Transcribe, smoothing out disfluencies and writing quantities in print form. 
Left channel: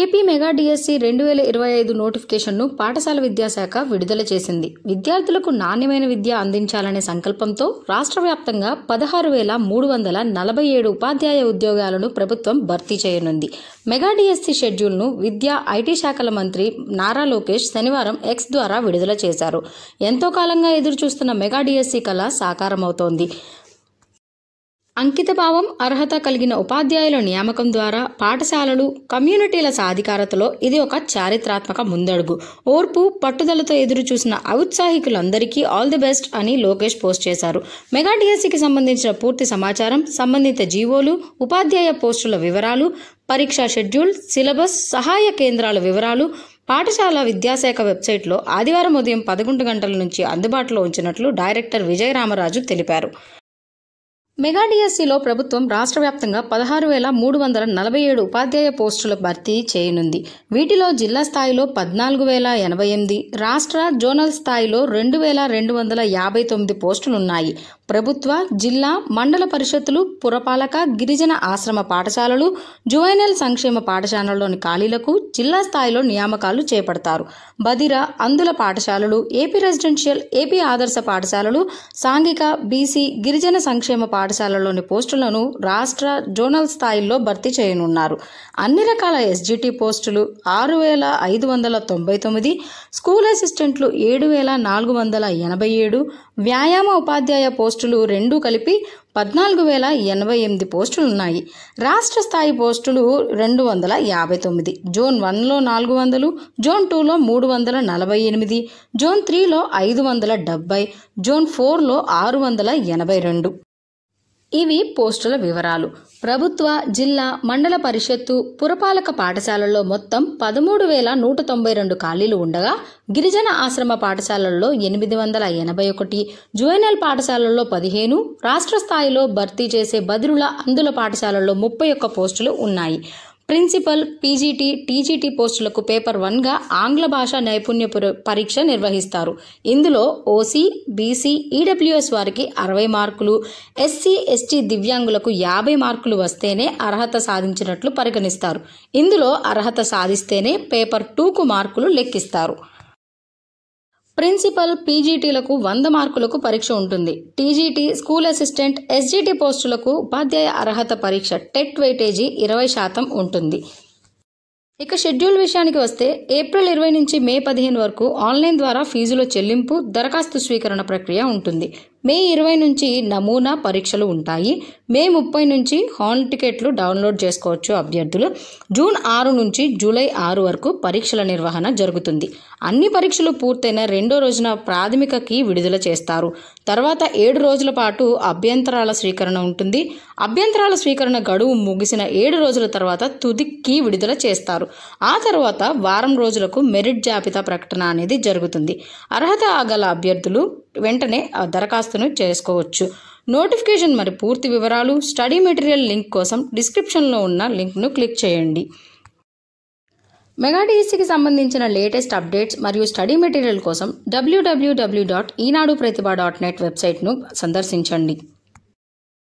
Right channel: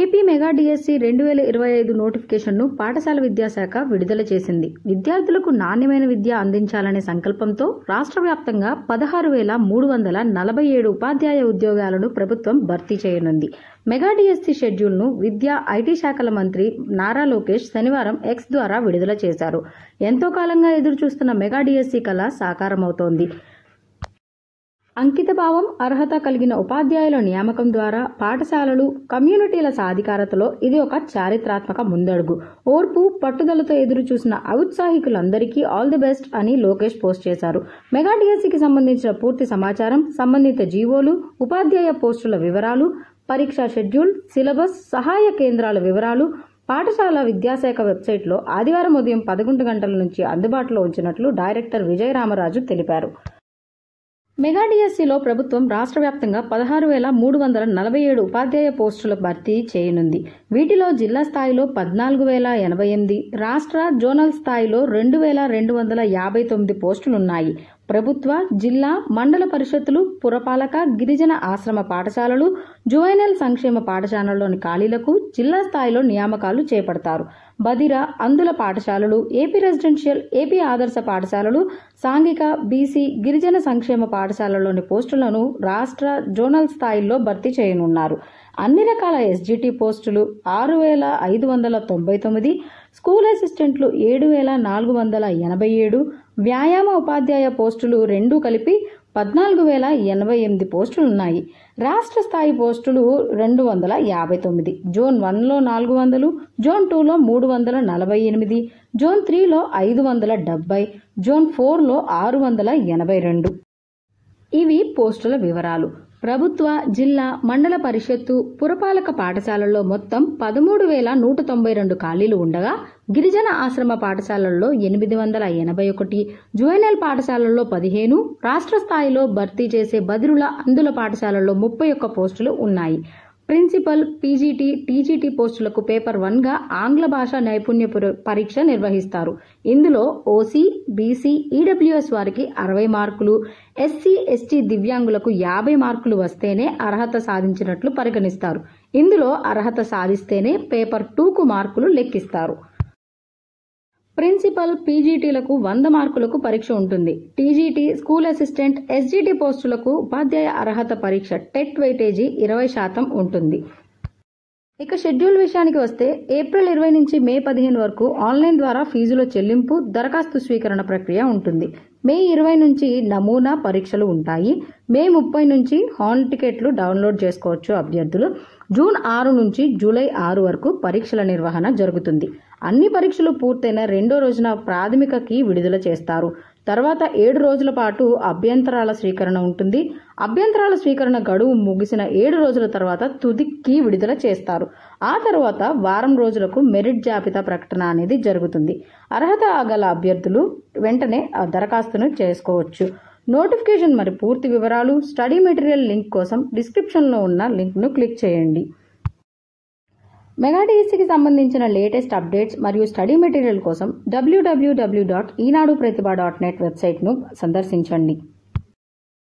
AP mega DSC 2025 నోటిఫికేషన్ను పాఠశాల విద్యాశాఖ విడుదల చేసింది. విద్యార్థులకు నాణ్యమైన విద్య అందించాలనే సంకల్పంతో రాష్ట్ర వ్యాప్తంగా 16,347 ఉపాధ్యాయ ఉద్యోగాలను ప్రభుత్వం భర్తీ చేయనుంది. మెగా డిఎస్సి షెడ్యూల్ను విద్యా, ఐటీ శాఖల మంత్రి నారా లోకేష్ శనివారం ఎక్స్ ద్వారా విడుదల చేశారు. ఎంతో కాలంగా ఎదురుచూస్తున్న మెగా డిఎస్సి కళ సాకారమవుతోంది. అంకితభావం, అర్హత కలిగిన ఉపాధ్యాయుల నియామకం ద్వారా పాఠశాలలు, కమ్యూనిటీల సాధికారతలో ఇది ఒక చారిత్రాత్మక ముందడుగు. ఓర్పు, పట్టుదలతో ఎదురుచూసిన ఔత్సాహికులందరికీ ఆల్ ది బెస్ట్ అని లోకేష్ పోస్ట్ చేశారు. మెగా డిఎస్సికి సంబంధించిన పూర్తి సమాచారం, సంబంధిత జీవోలు, ఉపాధ్యాయ పోస్టుల వివరాలు, పరీక్షా షెడ్యూల్, సిలబస్, సహాయ కేంద్రాల వివరాలు పాఠశాల విద్యాశాఖ వెబ్సైట్లో ఆదివారం ఉదయం 11 గంటల నుంచి అందుబాటులో ఉంచినట్లు డైరెక్టర్ విజయరామరాజు తెలిపారు. మెగా డిఎస్సిలో ప్రభుత్వం రాష్ట్ర వ్యాప్తంగా 16,347 ఉపాధ్యాయ పోస్టుల భర్తీ చేయనుంది. వీటిలో జిల్లా స్థాయిలో 14,088, రాష్ట్ర, జోనల్ స్థాయిలో 2,259 పోస్టులున్నాయి. ప్రభుత్వ, జిల్లా, మండల పరిషత్తులు, పురపాలక, గిరిజన ఆశ్రమ పాఠశాలలు, జువైనల్ సంక్షేమ పాఠశాలలోని ఖాళీలకు జిల్లా స్థాయిలో నియామకాలు చేపడతారు. బదిర, అందుల పాఠశాలలు, ఏపీ రెసిడెన్షియల్, ఏపీ ఆదర్శ పాఠశాలలు, సాంఘిక, బీసీ, గిరిజన సంక్షేమ పాఠశాలలోని పోస్టులను రాష్ట్ర, జోనల్ స్థాయిల్లో భర్తీ చేయనున్నారు. అన్ని రకాల ఎస్జిటి పోస్టులు 6,599, స్కూల్ అసిస్టెంట్లు 7,487, వ్యాయామ ఉపాధ్యాయ పోస్టులు 2 కలిపి 14,088 పోస్టులున్నాయి. రాష్ట్ర స్థాయి పోస్టులు 259, జోన్ 1లో 400, జోన్ 2లో 348, జోన్ 3లో 570, జోన్ 4లో 682. ఇవి పోస్టుల వివరాలు. ప్రభుత్వ, జిల్లా, మండల పరిషత్తు, పురపాలక పాఠశాలల్లో మొత్తం 13,192 ఖాళీలు ఉండగా గిరిజన ఆశ్రమ పాఠశాలల్లో 881, జువైనల్ పాఠశాలల్లో 15, రాష్ట్ర స్థాయిలో భర్తీ చేసే బదిరుల, అందుల పాఠశాలల్లో 31 పోస్టులు ఉన్నాయి. ప్రిన్సిపల్, పీజీటీ, టీజీటీ పోస్టులకు పేపర్ 1గా ఆంగ్ల భాషా నైపుణ్య పరీక్ష నిర్వహిస్తారు. ఇందులో ఓసీ, బీసీ, ఈడబ్ల్యూఎస్ వారికి 60 మార్కులు, ఎస్సీ, ఎస్టీ దివ్యాంగులకు 50 మార్కులు వస్తేనే అర్హత సాధించినట్లు పరిగణిస్తారు. ఇందులో అర్హత సాధిస్తేనే పేపర్ 2కు మార్కులు లెక్కిస్తారు. ప్రిన్సిపల్, పీజీటీలకు 100 మార్కులకు పరీక్ష ఉంటుంది. టీజీటీ, స్కూల్ అసిస్టెంట్, ఎస్జిటి పోస్టులకు ఉపాధ్యాయ అర్హత పరీక్ష టెట్ వెయిటేజీ 20% ఉంటుంది. ఇక షెడ్యూల్ విషయానికి వస్తే ఏప్రిల్ 20 నుంచి మే 15 వరకు ఆన్లైన్ ద్వారా ఫీజుల చెల్లింపు, దరఖాస్తు స్వీకరణ ప్రక్రియ ఉంటుంది. మే 20 నుంచి నమూనా పరీక్షలు ఉంటాయి. మే 30 నుంచి హాల్ టికెట్లు డౌన్లోడ్ చేసుకోవచ్చు అభ్యర్థులు. జూన్ 6 నుంచి జూలై 6 వరకు పరీక్షల నిర్వహణ జరుగుతుంది. అన్ని పరీక్షలు పూర్తయిన 2వ రోజున ప్రాథమిక కీ విడుదల చేస్తారు. తర్వాత 7 రోజుల పాటు అభ్యంతరాల స్వీకరణ ఉంటుంది. అభ్యంతరాల స్వీకరణ గడువు ముగిసిన 7 రోజుల తర్వాత తుది కీ విడుదల చేస్తారు. ఆ తర్వాత వారం రోజులకు మెరిట్ జాబితా ప్రకటన అనేది జరుగుతుంది. అర్హత గల అభ్యర్థులు వెంటనే ఆ దరఖాస్తును చేసుకోవచ్చు. నోటిఫికేషన్ మరి పూర్తి వివరాలు, స్టడీ మెటీరియల్ లింక్ కోసం డిస్క్రిప్షన్లో ఉన్న లింక్ను క్లిక్ చేయండి. మెగా డిఎస్సికి సంబంధించిన లేటెస్ట్ అప్డేట్స్ మరియు స్టడీ మెటీరియల్ కోసం www.eenaduprathibha.net వెబ్సైట్ను సందర్శించండి.